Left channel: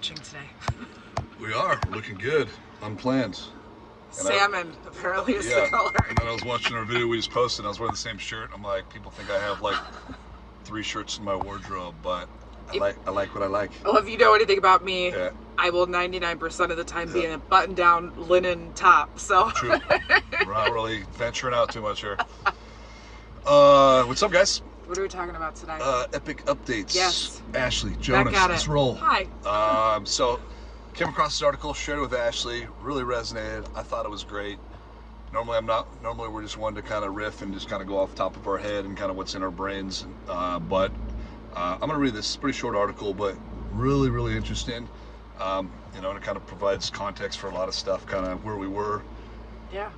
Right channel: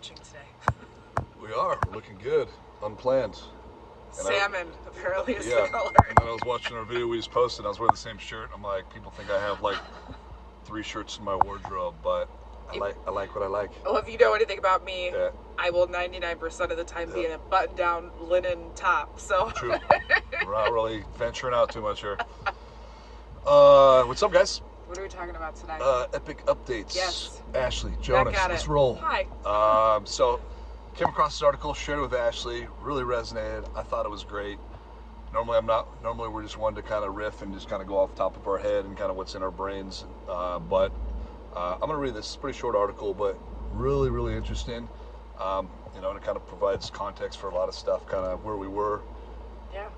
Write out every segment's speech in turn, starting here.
matching today. We are looking good, unplanned. And Salmon apparently is yeah, the color. and then I was watching our video we just posted. I was wearing the same shirt. I'm like, people think I have like 3 shirts in my wardrobe, but I like what I like. Well, if you know anything about me, Yeah. I will 99% of the time be in a button-down linen top. So True. We're not really venturing out too much here. What's up, guys? What are we talking about today? Epic updates. Yes. Ashley, Jonas, Back at let's it. roll. Hi. So came across this article, shared it with Ashley, really resonated. I thought it was great. Normally we're just one to kind of riff and just kind of go off the top of our head and kind of what's in our brains. But I'm gonna read this. It's a pretty short article, but really, really interesting. And it kind of provides context for a lot of stuff, kind of where we were,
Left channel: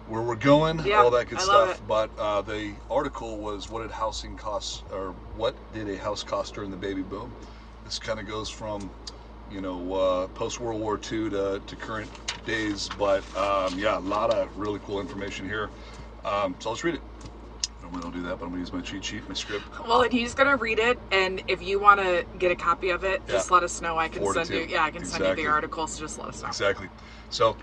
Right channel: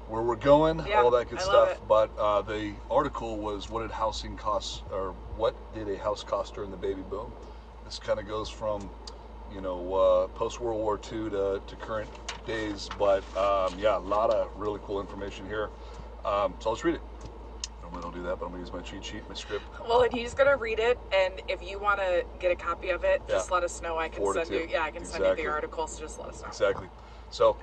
where we're going, all that good stuff. But the article was, what did housing costs, or what did a house cost during the baby boom? This kind of goes from post World War II to current days, but yeah, a lot of really cool information here. So let's read it. Normally I don't do that, but I'm gonna use my cheat sheet, my script. Well, and he's gonna read it, and if you want to get a copy of it, just let us know. I can send you. Yeah, I can send you the article. So just let us know. Exactly. So,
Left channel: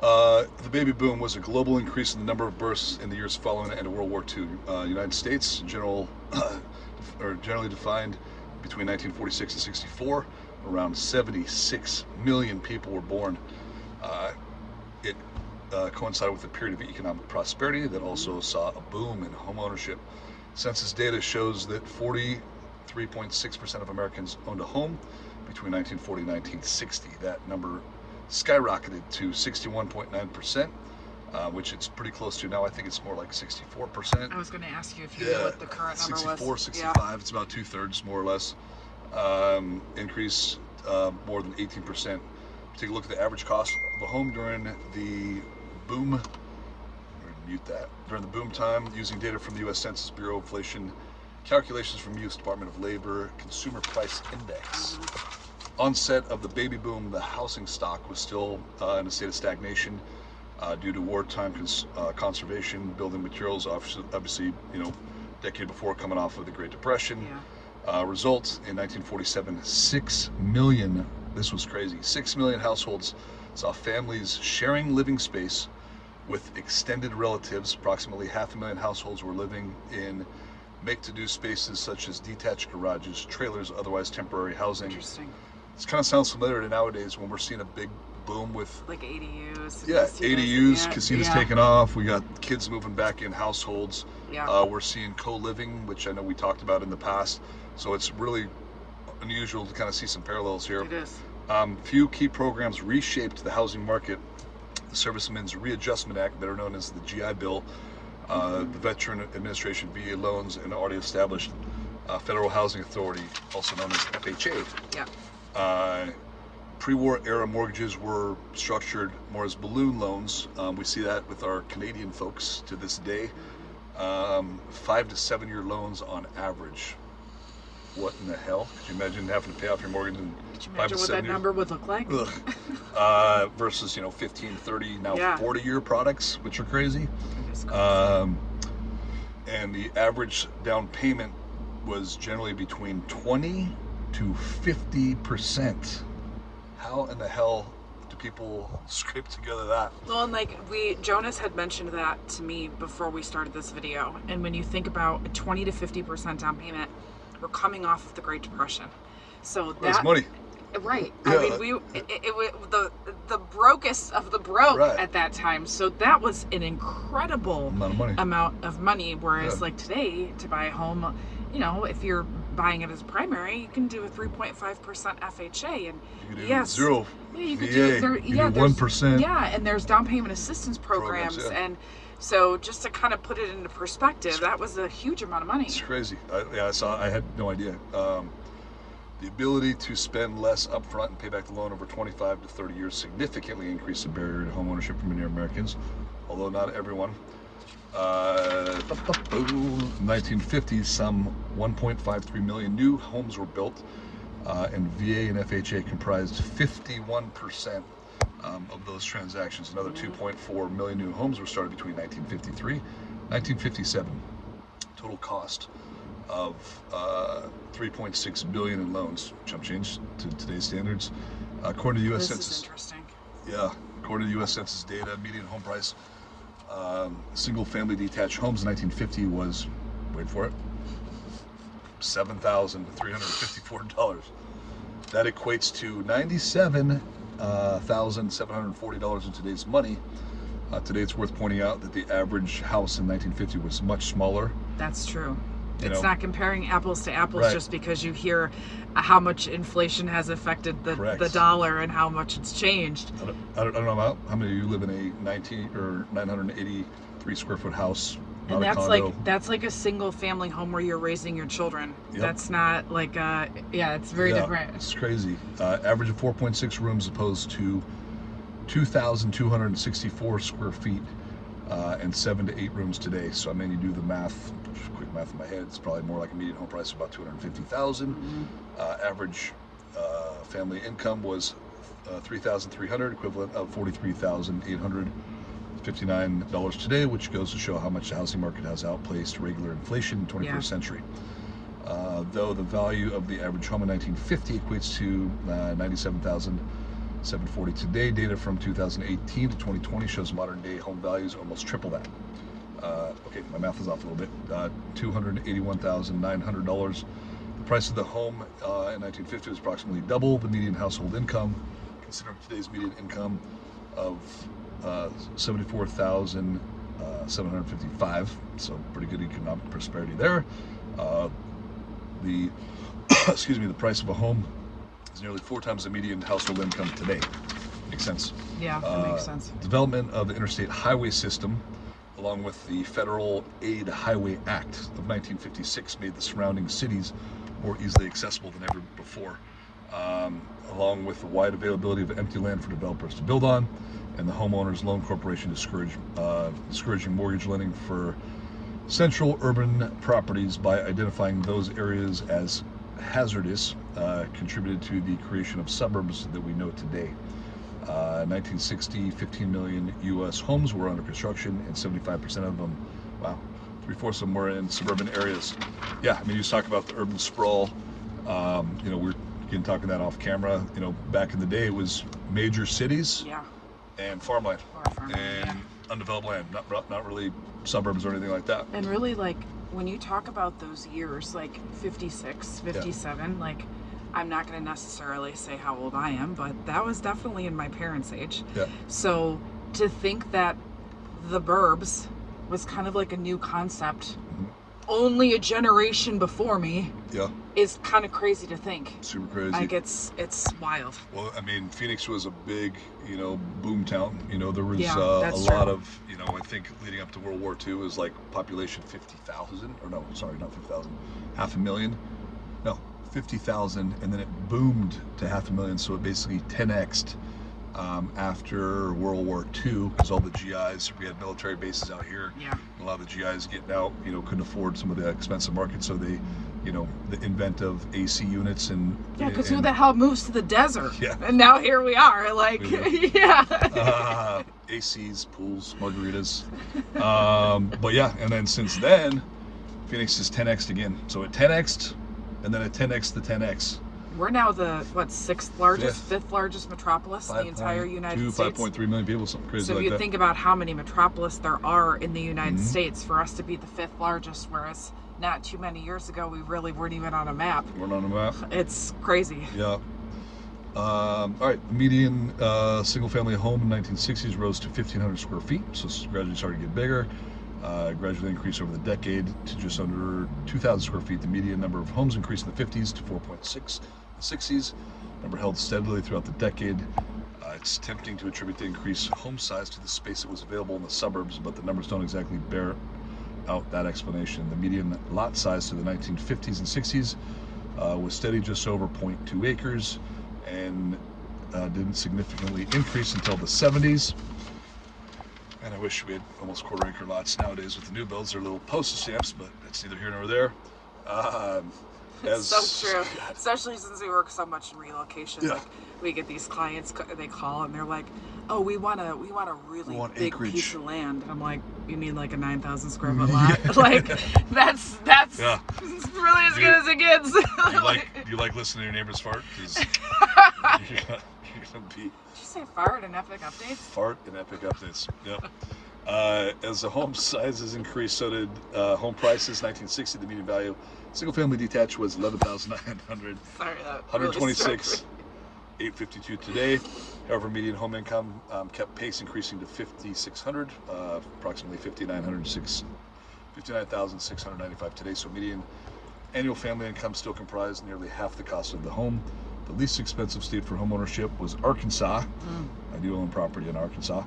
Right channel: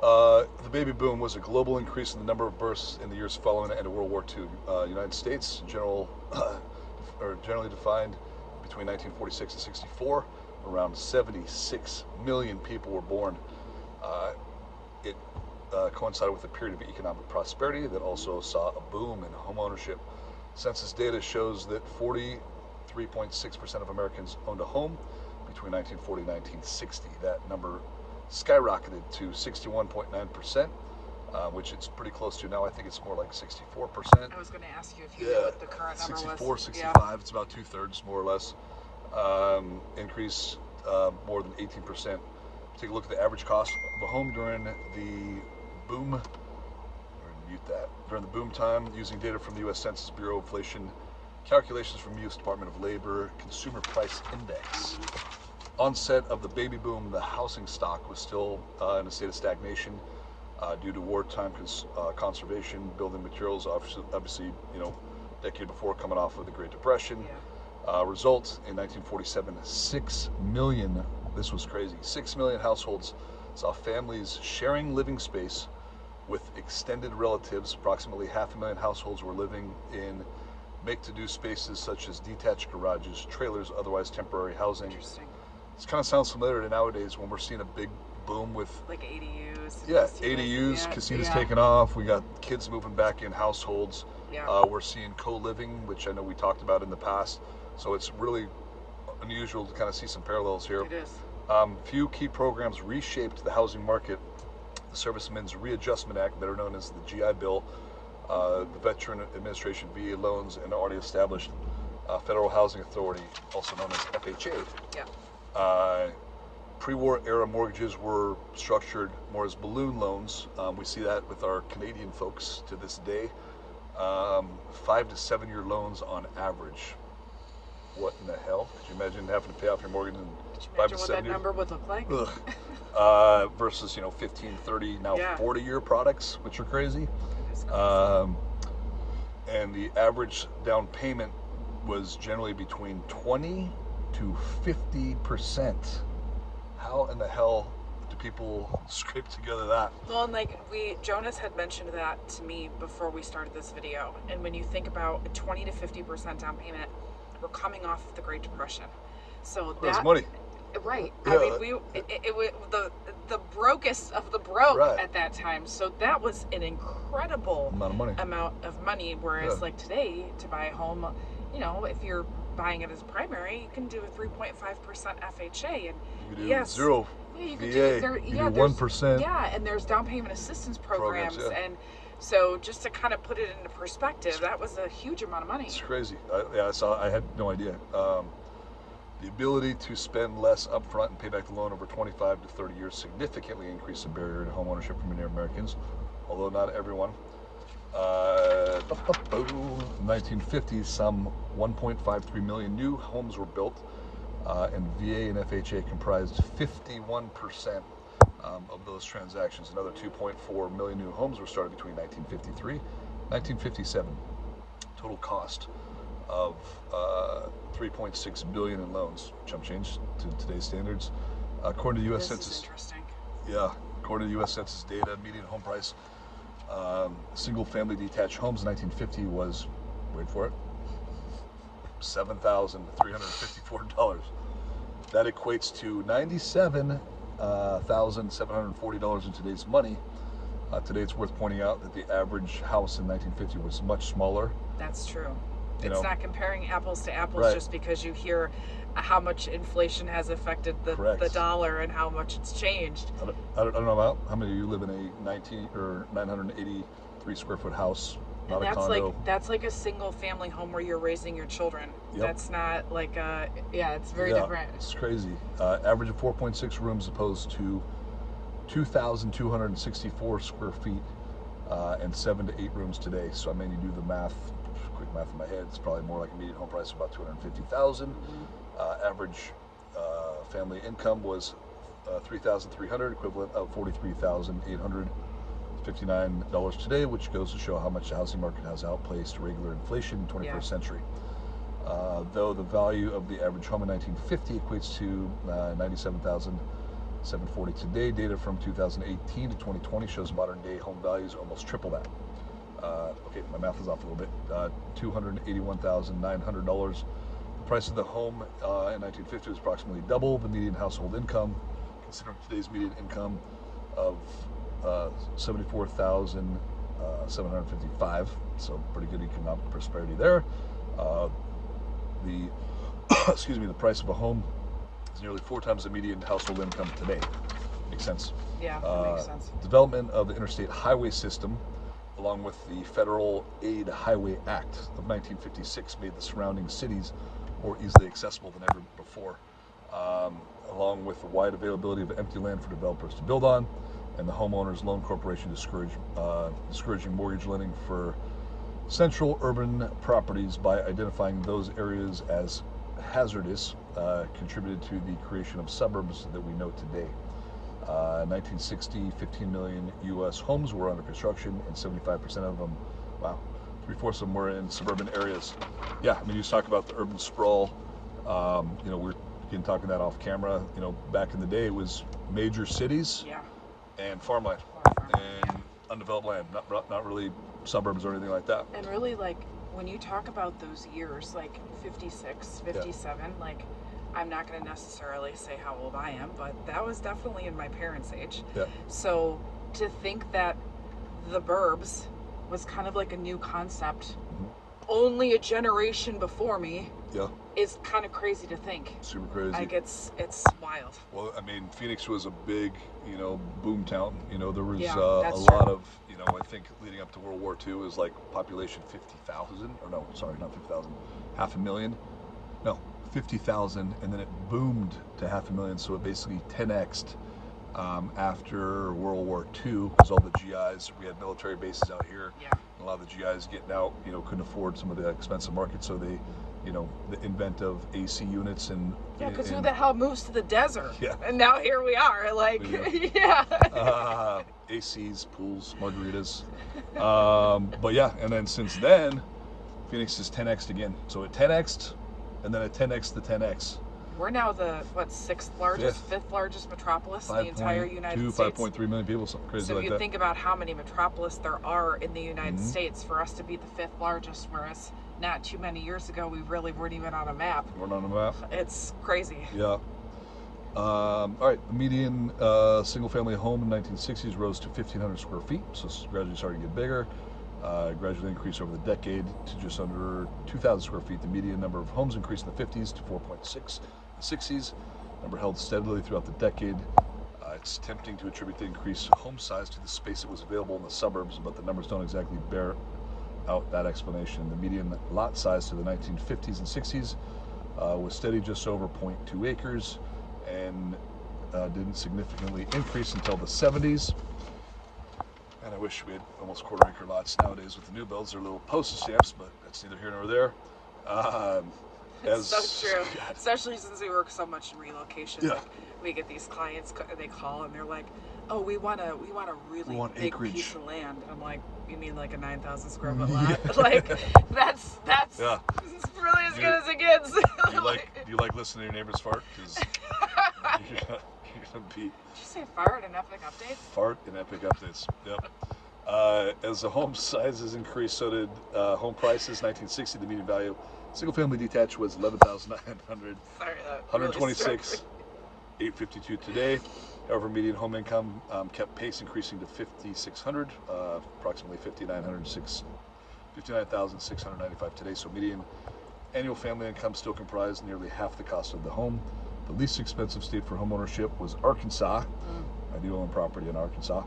the baby boom was a global increase in the number of births in the years following the end of World War II. United States, generally defined between 1946 and 64. Around 76 million people were born. It coincided with a period of economic prosperity that also saw a boom in home ownership. Census data shows that 43.6% of Americans owned a home between 1940 and 1960. That number skyrocketed to 61.9%, which it's pretty close to now. I think it's more like 64%. I was going to ask you if you knew what the current number was. 64, 65, it's about 2/3 more or less. Increase more than 18%. Take a look at the average cost of a home during the boom. We're gonna mute that. During the boom time, using data from the U.S. Census Bureau, inflation calculations from U.S. Department of Labor, Consumer Price Index. Onset of the baby boom, the housing stock was still in a state of stagnation due to wartime conservation, building materials. Obviously, decade before, coming off of the Great Depression. Results in 1947, 6 million, this was crazy, 6 million households saw families sharing living space with extended relatives. Approximately 500,000 households were living in make-to-do spaces such as detached garages, trailers, otherwise temporary housing. Interesting. This kind of sounds familiar to nowadays when we're seeing a big boom with like ADUs. Yeah, ADUs, casinos taking off. We got kids moving back in households. We're seeing co-living, which I know we talked about in the past. So it's really unusual to kind of see some parallels here. It is. Few key programs reshaped the housing market. The Servicemen's Readjustment Act, better known as the GI Bill, the Veteran Administration VA loans, and the already established Federal Housing Authority, also known as FHA. Pre-war era mortgages were structured more as balloon loans. We see that with our Canadian folks to this day. 5 to 7 year loans on average. What in the hell? Could you imagine having to pay off your mortgage in 5 to 7 years? Could you imagine what that number would look like? Versus 15, 30, now 40-year products, which are crazy. And the average down payment was generally between 20 to 50%. How in the hell do people scrape together that? Well, Jonas had mentioned that to me before we started this video. And when you think about a 20 to 50% down payment, we're coming off of the Great Depression. So that's money. Right. I mean, it was the brokest of the broke at that time. So that was an incredible amount of money. Whereas like today, to buy a home, if you're buying it as primary, you can do a 3.5% FHA, and you can do zero. You can VA, do 1%. And there's down payment assistance programs. And so just to kind of put it into perspective, that was a huge amount of money. It's crazy. I had no idea. The ability to spend less upfront and pay back the loan over 25 to 30 years significantly increased the barrier to home ownership for many Americans, although not everyone. 1950s, some 1.53 million new homes were built, and VA and FHA comprised 51% of those transactions. Another 2.4 million new homes were started between 1953 and 1957. Total cost of $3.6 billion in loans, chump change to today's standards. According to the U.S. This Census. is interesting. Yeah, according to the U.S. Census data, median home price, single-family detached homes in 1950 was, wait for it, $7,354. That equates to $97,740 in today's money. Today, it's worth pointing out that the average house in 1950 was much smaller. That's true. It's not comparing apples to apples just because you hear how much inflation has affected the dollar and how much it's changed. I don't know how many of you live in a 983 square foot house. And that's like a single family home where you're raising your children. Yep. That's not like it's very different. It's crazy. Average of 4.6 rooms opposed to 2,264 square feet and 7 to 8 rooms today. So I mean, you do the math, quick math in my head, it's probably more like a median home price of about $250,000. Average family income was $3,300, equivalent of $43,859 today, which goes to show how much the housing market has outpaced regular inflation in the 21st century. Though the value of the average home in 1950 equates to $97,740 today, data from 2018 to 2020 shows modern day home values almost triple that. Okay, my math is off a little bit. $281,900. The price of the home in 1950 was approximately double the median household income. Consider today's median income of $74,755. So pretty good economic prosperity there. The the price of a home is nearly 4 times the median household income today. Makes sense? Yeah, that makes sense. Development of the interstate highway system, along with the Federal Aid Highway Act of 1956, made the surrounding cities more easily accessible than ever before, along with the wide availability of empty land for developers to build on, and the Homeowners Loan Corporation discouraging mortgage lending for central urban properties by identifying those areas as hazardous, contributed to the creation of suburbs that we know today. 1960, 15 million U.S. homes were under construction, and 75% of them, wow, 3/4 of them were in suburban areas. Yeah, I mean, you talk about the urban sprawl. We're talking that off camera. Back in the day, it was major cities and farmland and undeveloped land, not really suburbs or anything like that. And really, like, when you talk about those years, like 56, 57, like, I'm not going to necessarily say how old I am, but that was definitely in my parents' age. Yeah. So to think that the burbs was kind of like a new concept, only a generation before me, is kind of crazy to think. Super crazy. Like, it's wild. Well, I mean, Phoenix was a big, boom town. There was a lot of, I think leading up to World War II was like population 50,000, or no, sorry, not 50,000, 500,000. No, 50,000, and then it boomed to 500,000, so it basically 10x'd after World War II, because all the GIs, we had military bases out here. A lot of the GIs getting out, couldn't afford some of the expensive markets, so they, the invent of AC units and because who the hell moves to the desert? And now here we are, like, ACs, pools, margaritas. But yeah, and then since then, Phoenix is 10x'd again. So it 10x'd, and then it 10x'd the 10x. We're now the, fifth largest metropolis in the entire United States. 5.3 million people, something crazy so like that. So you think about how many metropolis there are in the United States, for us to be the 5th largest, whereas not too many years ago, we really weren't even on a map. We're not on a map. It's crazy. Yeah. All right, the median single-family home in the 1960s rose to 1,500 square feet, so it's gradually starting to get bigger. Gradually increased over the decade to just under 2,000 square feet. The median number of homes increased in the 50s to 4.6 in the 60s. Number held steadily throughout the decade. It's tempting to attribute the increased home size to the space that was available in the suburbs, but the numbers don't exactly bear out that explanation. The median lot size to the 1950s and 60s was steady, just over 0.2 acres, and didn't significantly increase until the 70s. And I wish we had almost quarter-acre lots nowadays with the new builds. They're little postage stamps, but that's neither here nor there. It's so true, especially since we work so much in relocation. Like, we get these clients, they call and they're like, "Oh, we want a really big acreage. Piece of land." And I'm like, "You mean like a 9,000 square foot lot?" Like, that's really as good as it gets. Do you like listening to your neighbors fart? and epic updates. Fart and epic updates. Yep. As the home sizes increased, so did home prices. 1960, the median value single-family detached was 11,900. Sorry, 126, 852 today. However, median home income kept pace, increasing to 5,600, approximately 59,695 today. So median annual family income still comprised nearly half the cost of the home. The least expensive state for home ownership was Arkansas. I do own property in Arkansas,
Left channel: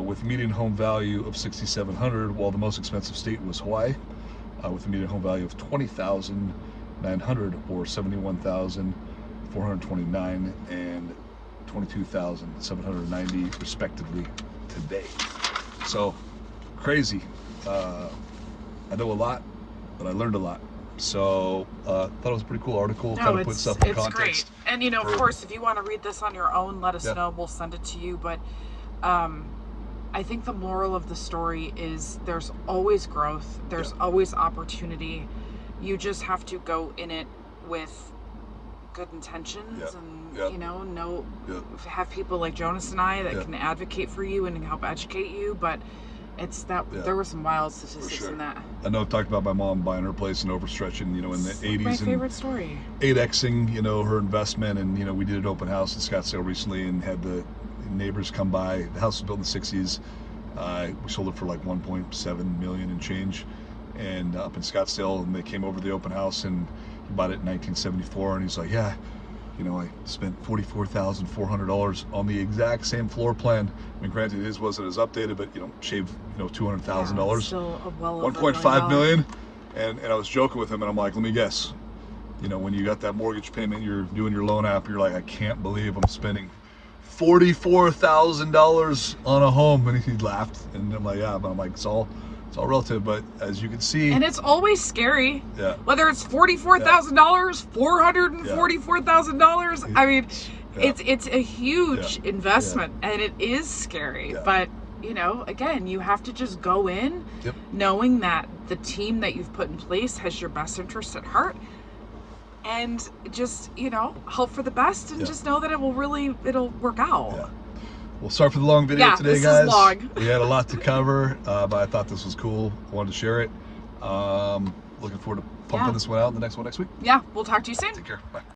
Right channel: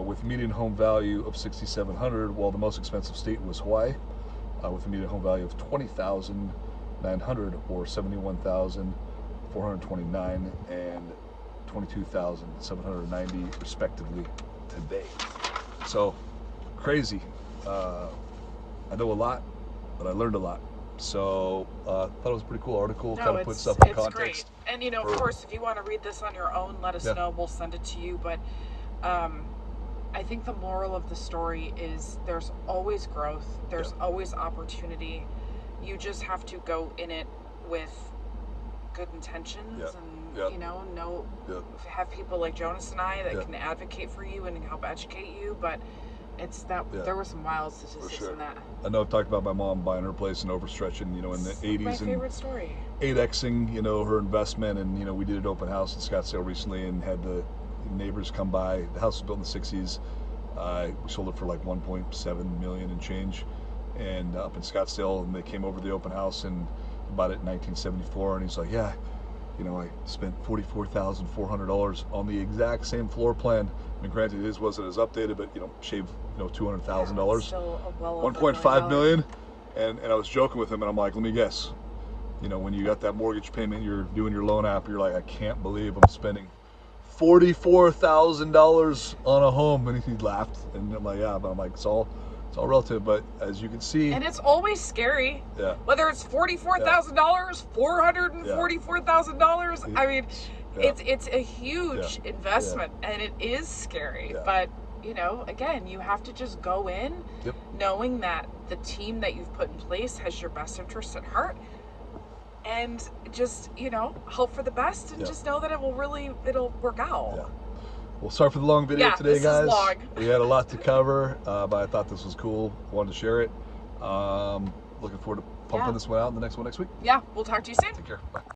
with median home value of 6,700, while the most expensive state was Hawaii, with a median home value of 20,900, or 71,429 and 22,790 respectively today. So crazy. I know a lot, but I learned a lot. So thought it was a pretty cool article. Kind of put stuff in context. Great. And you know, of course, if you want to read this on your own, let us know. We'll send it to you. But I think the moral of the story is there's always growth. There's always opportunity. You just have to go in it with good intentions and you know have people like Jonas and I that can advocate for you and help educate you. But it's that there were some wild statistics in that. I know I've talked about my mom buying her place and overstretching, you know, in the 80s. My favorite story. 8Xing, you know, her investment. And, you know, we did an open house in Scottsdale recently and had the neighbors come by. The house was built in the 60s. We sold it for like 1.7 million and change. And up in Scottsdale, and they came over to the open house and he bought it in 1974. And he's like, yeah, you know, I spent $44,400 on the exact same floor plan. I mean, granted, his wasn't as updated, but, you know, shaved, you know, $200,000. Still well 1.5 million. And I was joking with him, and I'm like, let me guess. You know, when you got that mortgage payment, you're doing your loan app, you're like, I can't believe I'm spending $44,000 on a home. And he laughed, and I'm like, yeah, but I'm like, it's all relative. But as you can see, and it's always scary. Whether it's $44,000, $444,000. I mean, it's a huge investment, and it is scary. But you know, again, you have to just go in knowing that the team that you've put in place has your best interest at heart, and just, you know, hope for the best, and just know that it'll work out. Well, sorry for the long video today, this guys. is long. We had a lot to cover, but I thought this was cool. I wanted to share it. Looking forward to pumping this one out, the next one next week. Yeah, we'll talk to you soon. Take care. Bye.